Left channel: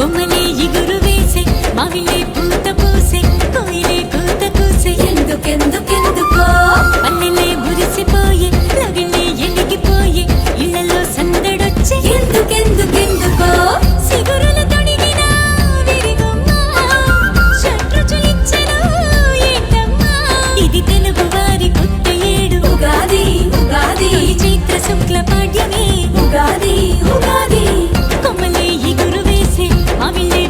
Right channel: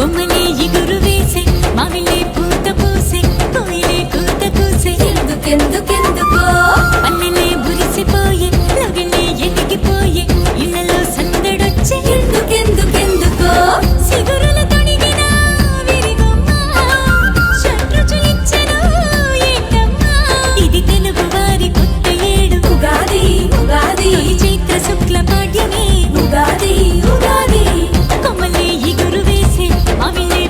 కొమ్మలే ఇగురు వేసే మావిలే పూత పూసే కోయిలే కూత కూసే ఎందుకెందుకెందుకో పల్లెలే మురిసిపోయే లగిలే ఎలిగిపోయే ఇళ్లలో సందడొచ్చే ఎందుకెందుకెందుకో సిగురుల తొడిగిన విరిగొమ్మ షడ్రుచులిచ్చెను ఏంటమ్మా ఇది తెలుగు వారి కొత్త ఏడు ఉగాది ఉగాది తొలి చైత్ర శుక్ల పాడ్యమే ఉగాది ఉగాది కొమ్మలే ఇగురు వేసే మావిలే